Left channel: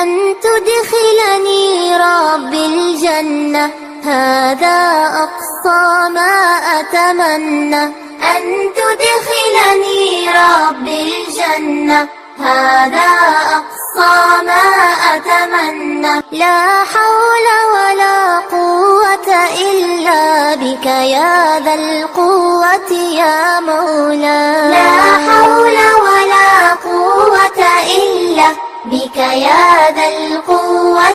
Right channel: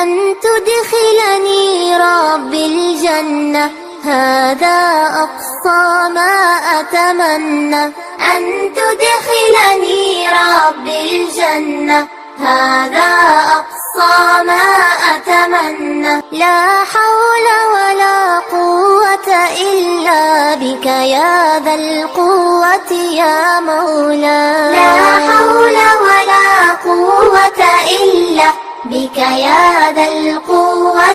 أن تدخلني ربي الجنة، هذا أقصى ما أتمنى. أن تدخلني ربي الجنة، هذا أقصى ما أتمنى. لا حول ولا قوة إلا بك يا ذا القوة يا مولاي. لا حول ولا قوة إلا بك يا ذا القوة